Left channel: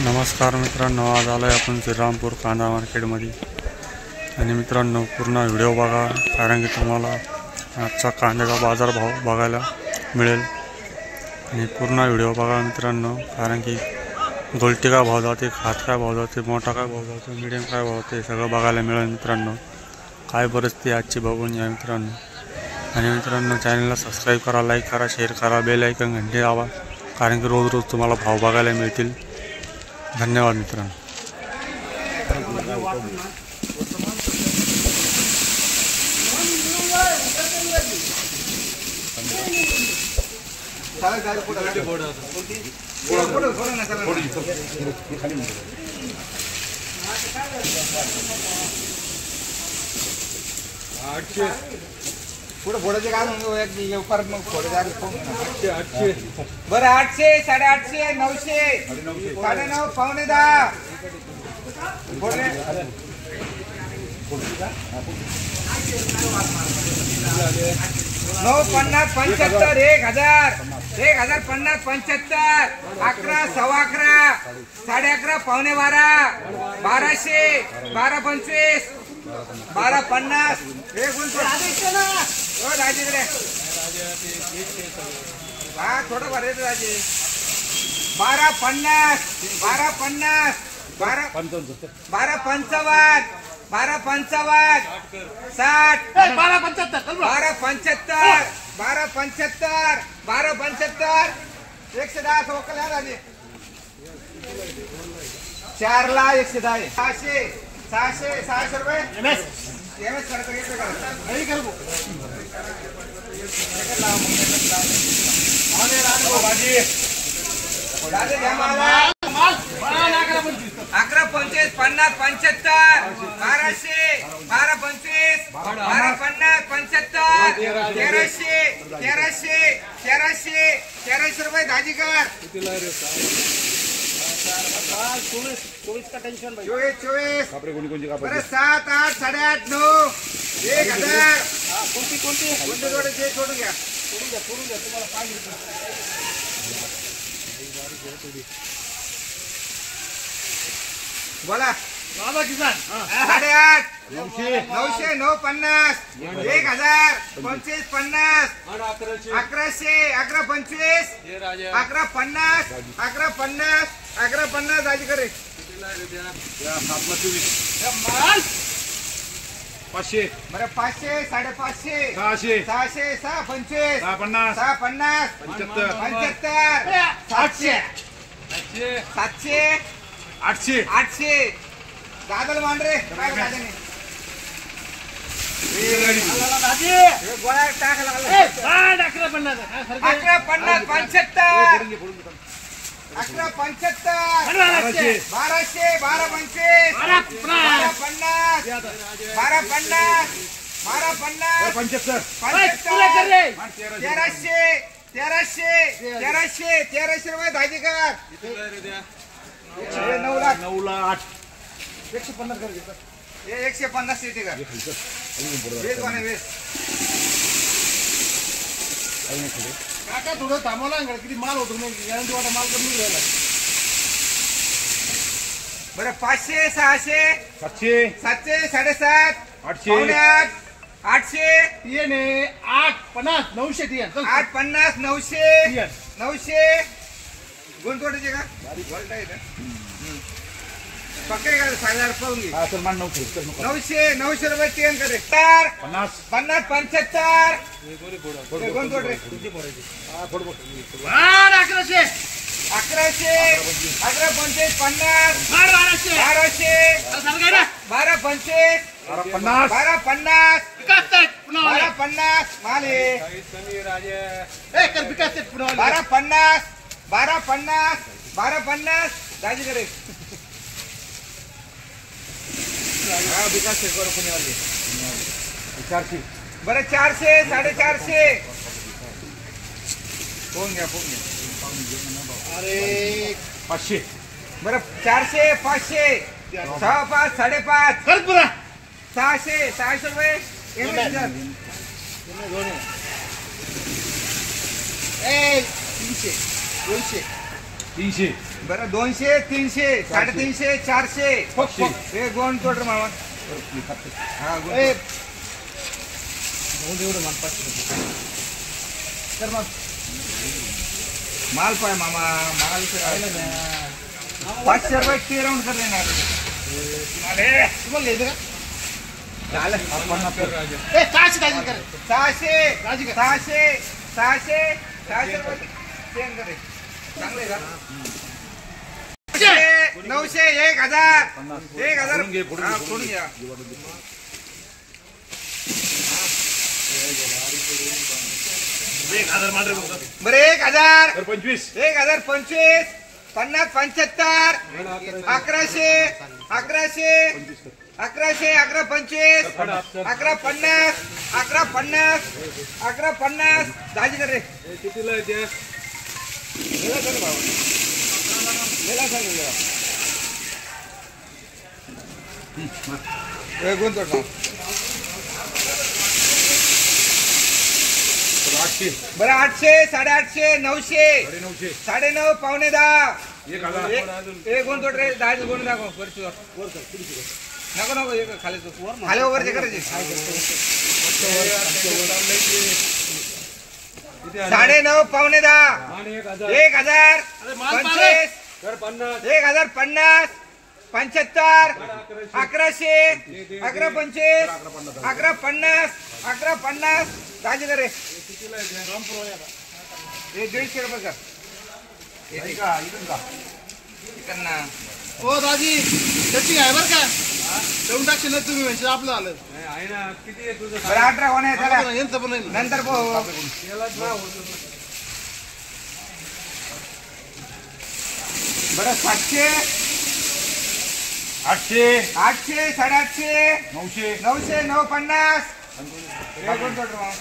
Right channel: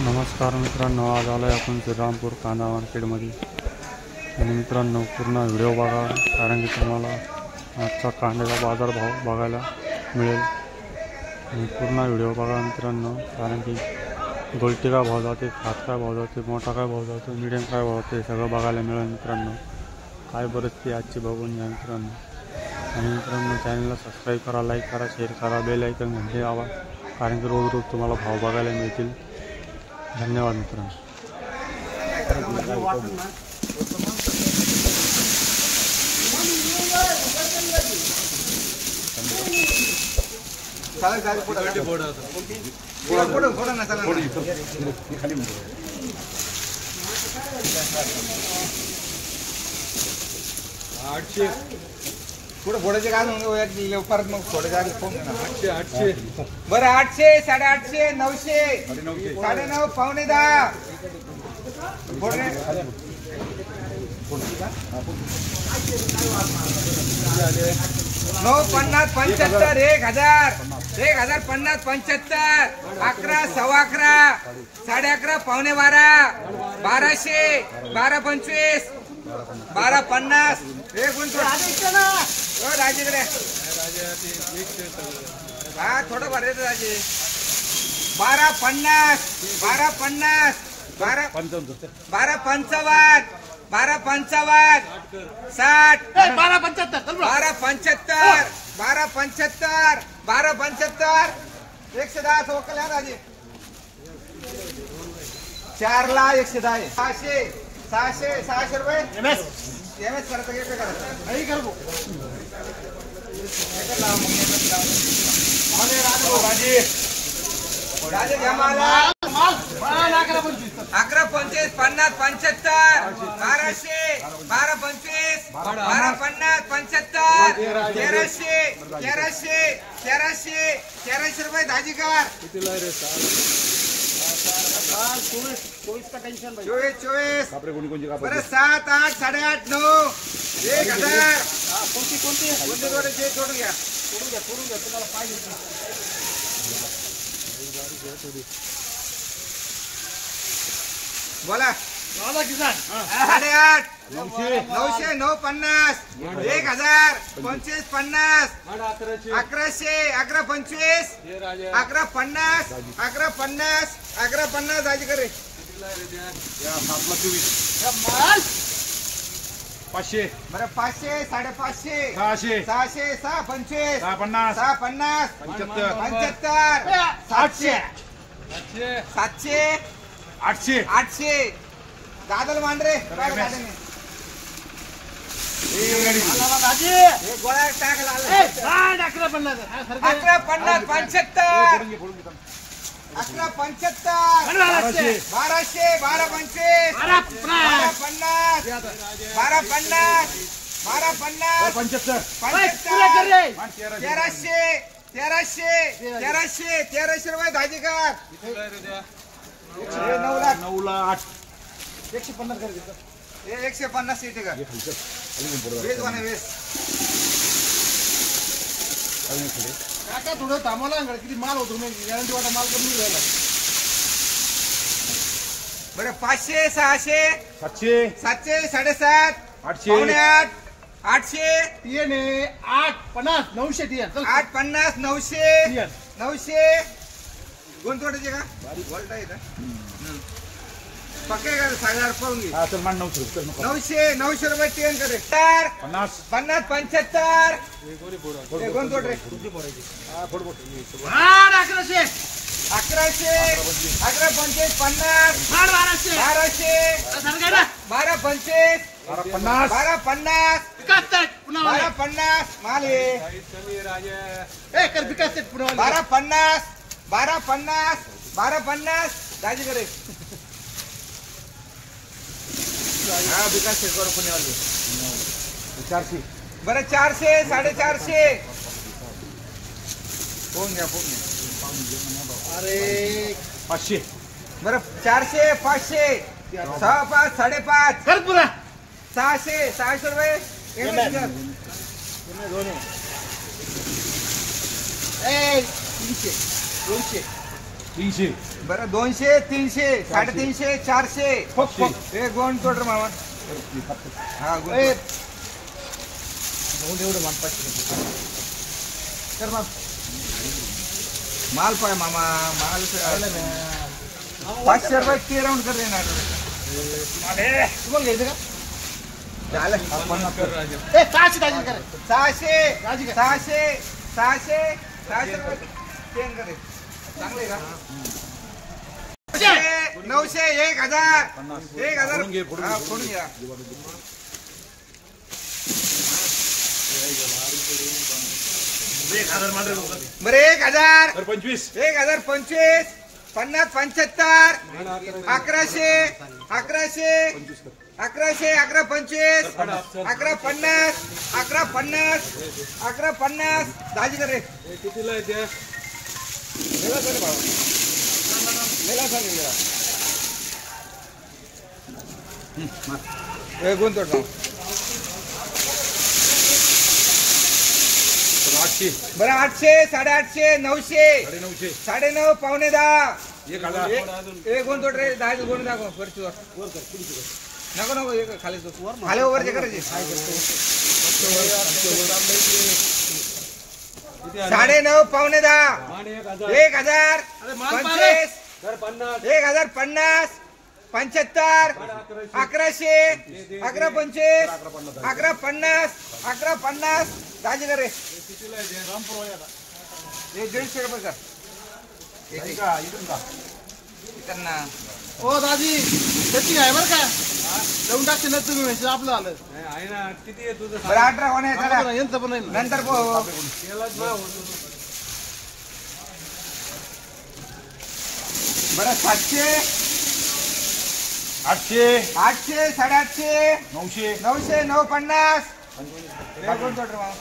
नमस्कार मित्रांनो, आज आलो आहे आपण श्रीरामपूर कांदा मार्केटमध्ये आणि मित्रांनो पूर्ण व्हिडिओ बघा, कारण की तुम्हाला आजचा कांद्याचा बाजारभाव बघायला मिळेल। आणि पूर्ण व्हिडिओ बघा मित्रांनो, कारण की गोल्टी काय भाव जाते, खात काय भाव जाते, मोठा काय भाव जातो, मीडियम काय भाव जाते, सगळं बघायला मिळेल मित्रांनो। काय परिस्थिती आजची बघून या मित्रांनो। आणि मित्रांनो चॅनलला सबस्क्राईब करा, लाईक करा, शेअर करा, बेल आयकॉन घंटी दाबा, कारण की रोज रोज तुम्हाला भाव बघायला मिळतील। धन्यवाद मित्रांनो। पुढे फोडायचे काय म्हणून परत मग फोडायचे आधी फोन 800 बरं 800 850 900 9.5 पावणे 10 फोडले 950 75 1000 1050 75 11 सव्वा 11 11.5 पावणे 12 1200 1225 1250 एक गुंठ राजेकडे हा थोडं भर येतो राजे 1250 1250 1255 1255 60 1275 1275 1275 110 वकल आहे राजे 4 ला 110 600 600 रुपये एमएस करायचं घेतलं करायचं आई कर भाजी घ्या मला 11 25 50 75 1200 12 25 12 50 75 1300 रुपये दाजीकर 24 का टेंशन भाई 24 कापरे कोणची कापरे 7 8 8.5 9 1000 कोणती जोडे जे जोडून घ्या तुम्हाला पाहिजे बोला बाबा किसान 8.5 900 950 1000 25 50 1100 11 25 11 50 11 50 11 50 दाजी करे 500 बरं 500 550 600 600 625 650 75 700 800 दादल मांडरे काय दादाने गोळ्या टाकला 11 50 75 11 75 1200 12 25 12 50 12 50 12 50 1300 रुपये दाजीकर 9 लाख 150 कर घेतो 150 सीट का वेज वाने वेज काका थोडं थांबवला किती माल होतो मी गॅरंटी वाटा माल कमी राहिला बरं 500 600 700 700 7.5 800 800 येणे 850 900 850 900 900 गुंतवण्याचे का वोल्टा येतं पक्के का 1000 पाहून घे हा सलमान 900 रुपये टेन करे 50 50 75 गुंतवड रे हा फोड 1100 11 25 50 12 25 12 50 12 50 माले 12 50 12 50 12 50 दाजी करे हा विकास शेरकर पुण्यावाले 400 बरं 400 450 फोन घ्या अरे 500 बरं 400 500 6 5 5.5 कर पुरा 600 रुपये ए 300 200 300 बरं 200 300 350 400 हे गोंड तोड रे मामा हा गोंड एवढं मान 500 तर मग माल पाय मामा माल 500 रुपये ते राऊंड कर देणार तुम्हाला घ्यायचं का झालं 600 रुपये सेंड करे चांगले का 900 1000 फोडून घ्या बरं 1000 25 1025 50 75 1100 1125 1150 दाजी कर रे कितीला आहे ते गेला सर भाऊ गेला सांग गुंतवणूक 800 बरं 800 850 900 9:30 पावणे 10 गुंतवणूक रे 10 गुंतवणूक दाखव वरचीवर नको एक खाली खाली वरचे करायचे 9:30 पावणे 10 1000 25 1050 75 1100 1125 1150 दाजी कर रे हे 150 रुपये का ना हो दाजी त्याची आहे बरं का देऊन टाकशील ना तुम्ही म्हणजे आपलं आलं आहे ना किती आहे तुझं बरं 18 कोण आहे चला यांचं पण आहे ना. नंतर बरं 700 800 800 850 900 900 950 हे कोण तोड मग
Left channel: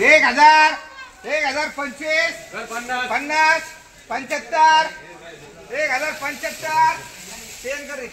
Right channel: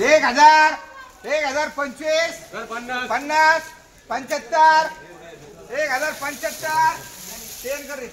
एक हजार 25 50 75 1075 सेंड कर रे